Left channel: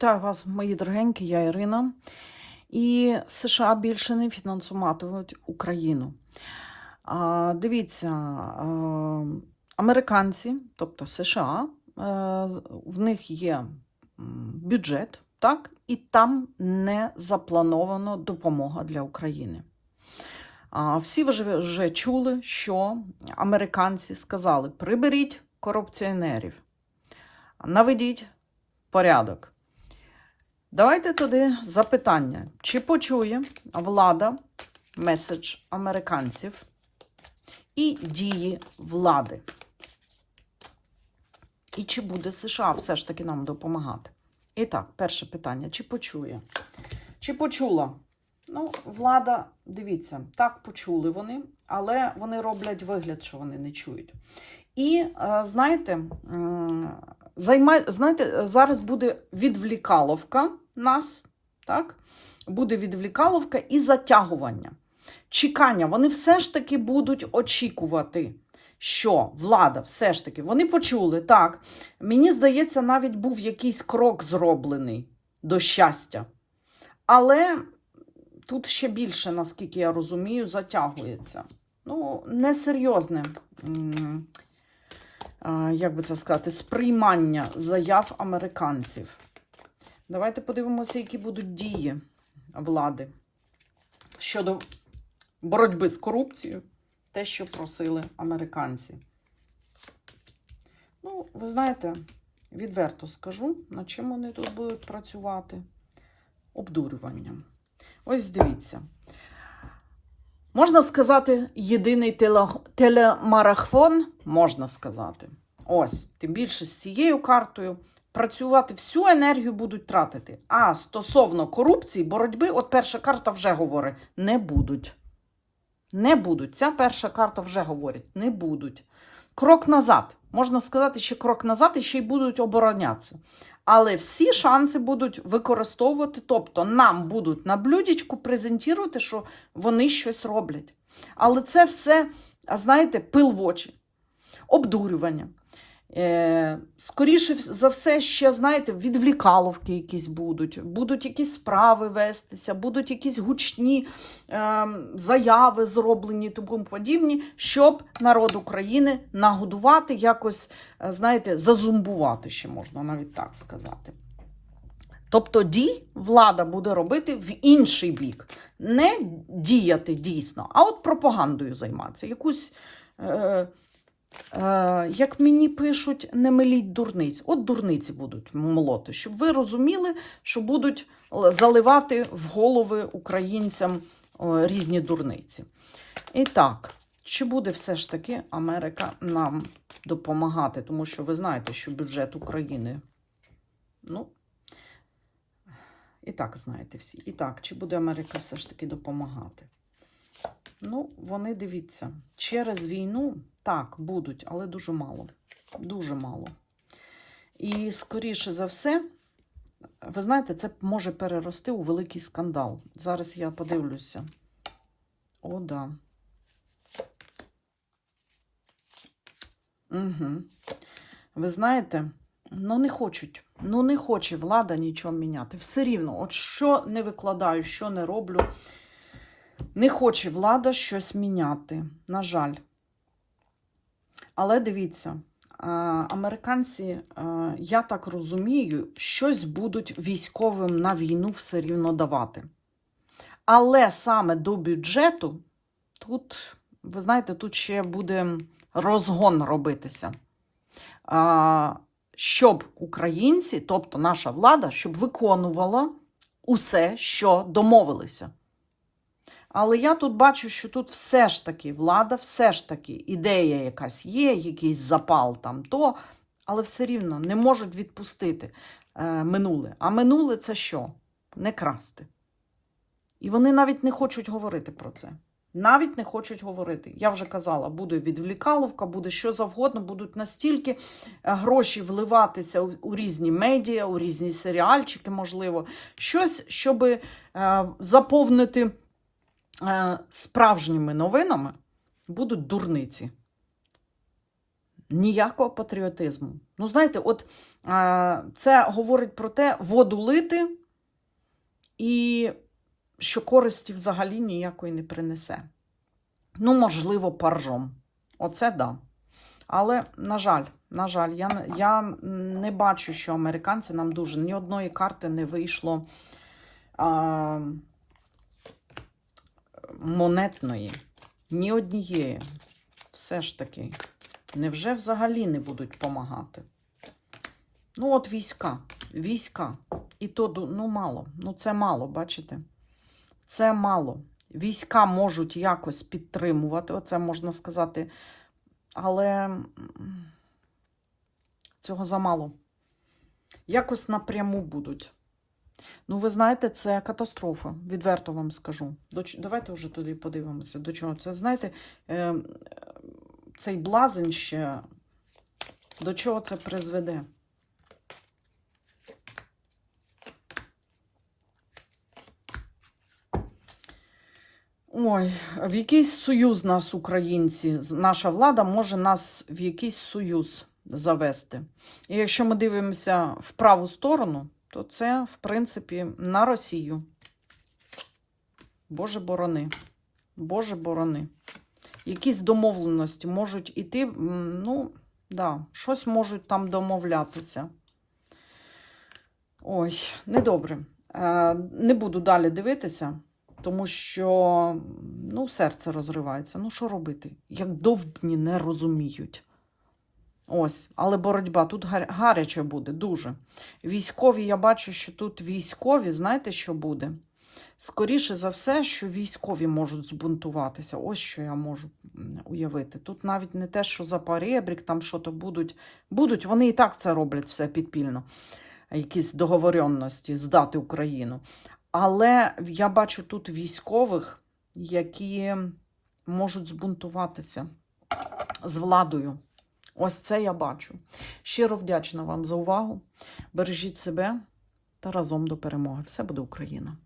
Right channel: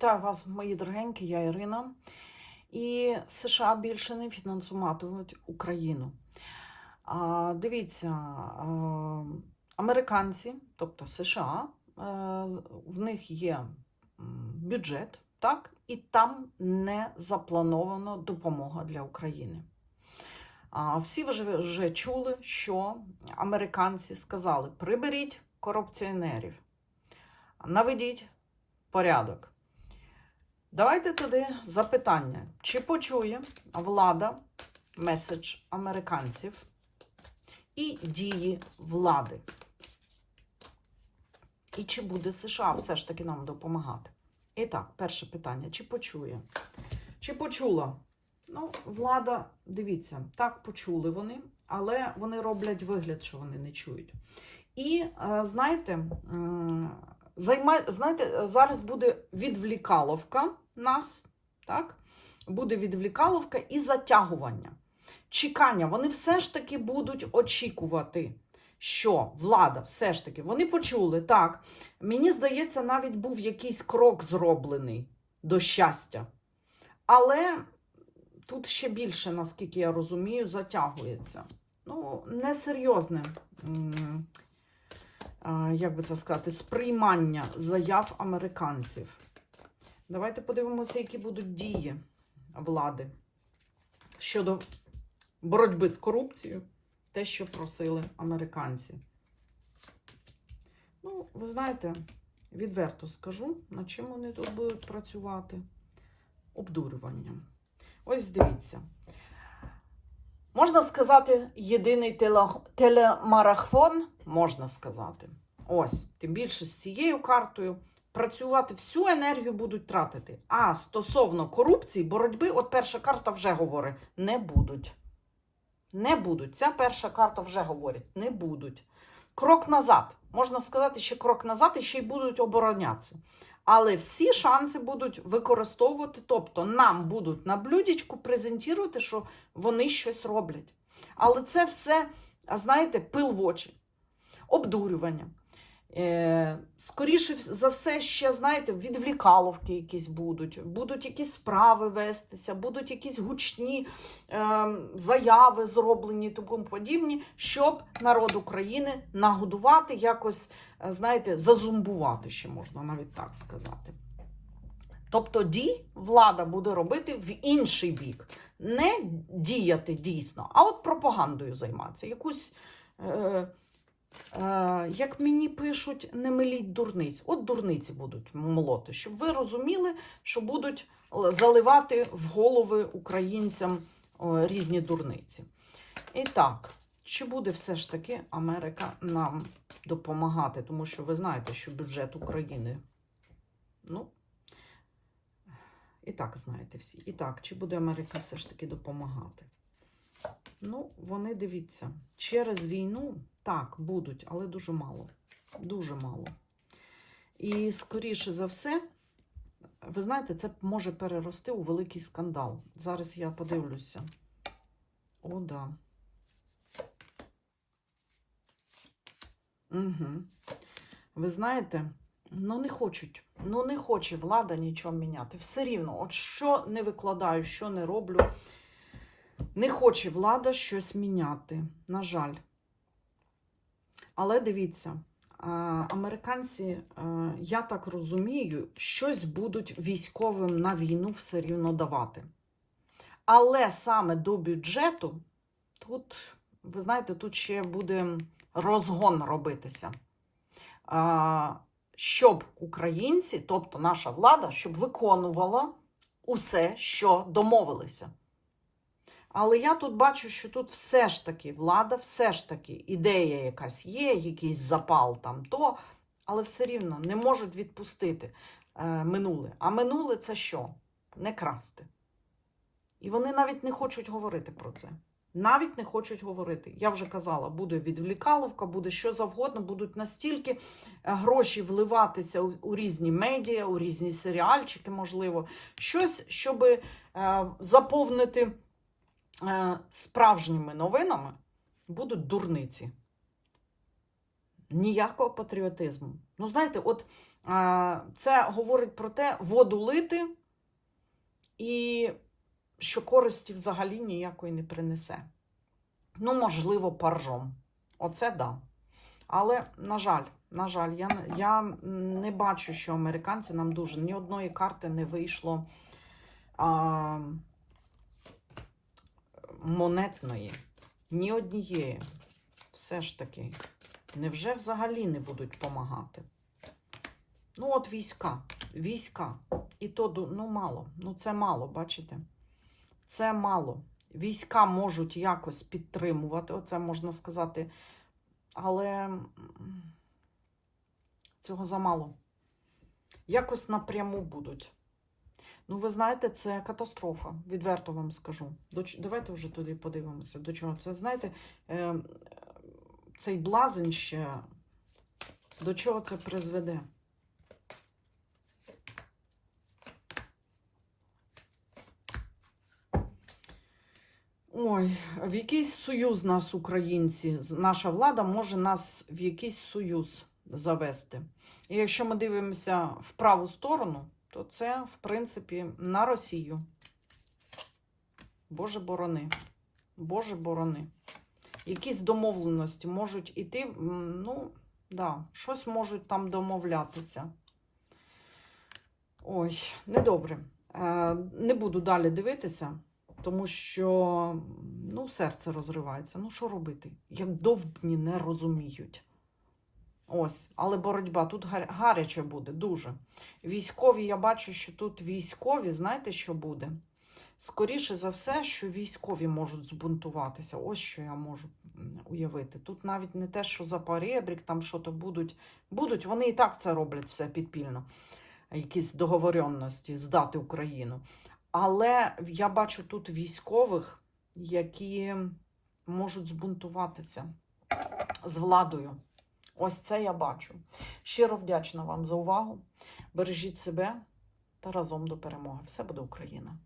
Вітаю вас, мої дорогенькі, я Ірина. І США більше не фінансуватимуть Україну. А, Дивіться, американці, тобто США, е, в них є бюджет, так, і там не заплановано допомога для України. А, Всі вже, вже чули, що американці сказали: приберіть корупціонерів, наведіть порядок. Давайте тоді запитання. Чи почує влада меседж американців і дії влади? І чи буде США все ж таки нам допомагати? І так, перше питання: чи почує? Чи почула? Ну, влада, дивіться, так почули вони, але вони роблять вигляд, що вони не чують. І е, знаєте, м, займай, знаєте, зараз буде відвлікаловка нас, так? Буде відвлікаловка і затягування. Чекання. Вони все ж таки будуть очікувати, що влада все ж таки, вони почули, так. Мені здається, навіть був якийсь крок зроблений до щастя. Але тут ще більше, наскільки я розумію, затягується. Ну, несерйозне, як би це сказати, сприймання заяв американців. Давайте подивимося, які будуть дії влади щодо боротьби з корупцією, те, що просили американці. Ну, ви знаєте, відверто скажу, над чим вони тут будуть працювати. Обдурюванням. Ось дивіться. Можна сказати, єдиний теле- телемарафон, можна сказати. Ось, тим більше з цією картою працювати всю енергію будуть тратити. А стосовно корупції, боротьби, от перша карта вже говорить, не будуть. Не будуть. Ця перша карта вже говорить, не будуть. Крок назад. Можна сказати, що крок назад і ще й будуть оборонятися. Але всі шанси будуть використовувати, тобто нам будуть на блюдечку презентувати, що вони щось роблять. Але це все, знаєте, пил в очі, обдурювання. Е, скоріше за все, ще, знаєте, відвлікаловки якісь будуть, будуть якісь справи вестися, будуть якісь гучні е, заяви зроблені тому подібні, щоб народ України нагодувати, якось, е, знаєте, зазумбувати, ще можна навіть так сказати. Тобто дій влада буде робити в інший бік, не діяти дійсно, а от пропагандою займатися. Якусь, е, як мені пишуть, не миліть дурниць. От дурниці будуть молоти, щоб ви розуміли, що будуть заливати в голови українцям е, різні дурниці. І так, чи буде все ж таки Америка нам допомагати? Тому що ви знаєте, що бюджет України. Ну, і так знаєте всі. І так, чи буде Америка все ж таки допомагати? Ну, вони дивіться, через війну так, будуть, але дуже мало. Дуже мало. І, скоріше за все, ви знаєте, це може перерости у великий скандал. Зараз я подивлюся. О, да. Угу. Ви знаєте, ну не хочуть. Ну не хоче влада нічого міняти. Все рівно, от що не викладаю, що не роблю. Не хоче влада щось міняти. На жаль. Але дивіться, американці, я так розумію, щось будуть військовим на війну все рівно давати. Але саме до бюджету тут, ви знаєте, тут ще буде розгон робитися. Щоб українці, тобто наша влада, щоб виконувала усе, що домовилися. Але я тут бачу, що тут все ж таки влада, все ж таки ідея якась є, якийсь запал там то, але все рівно не можуть відпустити е, минуле. А минуле це що? Не красти. І вони навіть не хочуть говорити про це. Навіть не хочуть говорити. Я вже казала, буде відвлікаловка, буде що завгодно, будуть настільки е, гроші вливатися у, різні медіа, у різні серіальчики, можливо, щось, щоб е, заповнити справжніми новинами, будуть дурниці. Ніякого патріотизму. Ну, знаєте, от е, це говорить про те, воду лити, і що користі взагалі ніякої не принесе. Ну, можливо, паржом. Оце да. Але, на жаль, на жаль, я, я не бачу, що американці нам дуже ні одної карти не вийшло а, монетної, ні однієї. Все ж таки, невже взагалі не будуть допомагати? Ну, от війська, війська. І то ну, мало. Ну, це мало, бачите? Це мало. Війська можуть якось підтримувати, оце можна сказати, але цього замало. Якось напряму будуть. Ну, ви знаєте, це катастрофа, відверто вам скажу. До, давайте вже туди подивимося. До чого це, знаєте, е, цей блазень ще до чого це призведе? Ой, в якийсь союз нас, українці, наша влада може нас в якийсь союз завести. І якщо ми дивимося в праву сторону, то це, в принципі, на Росію. Боже борони. Боже борони. Якісь домовленості можуть іти, ну, да, щось можуть там домовлятися. Ой, недобре. Е, не буду далі дивитися, тому що ну, серце розривається. Ну, що робити? Як довбні не розуміють. Ось, але боротьба тут гаряче буде, дуже. Військові, я бачу, що тут військові, знаєте, що буде? Скоріше за все, що військові можуть збунтуватися. Ось що я можу уявити. Тут навіть не те, що за поребрік, там що то будуть. Будуть, вони і так це роблять все підпільно. Якісь договоренності здати Україну. Але я бачу тут військових, які можуть збунтуватися з владою. Ось це я бачу. Щиро вдячна вам за увагу. Бережіть себе та разом до перемоги. Все буде Україна!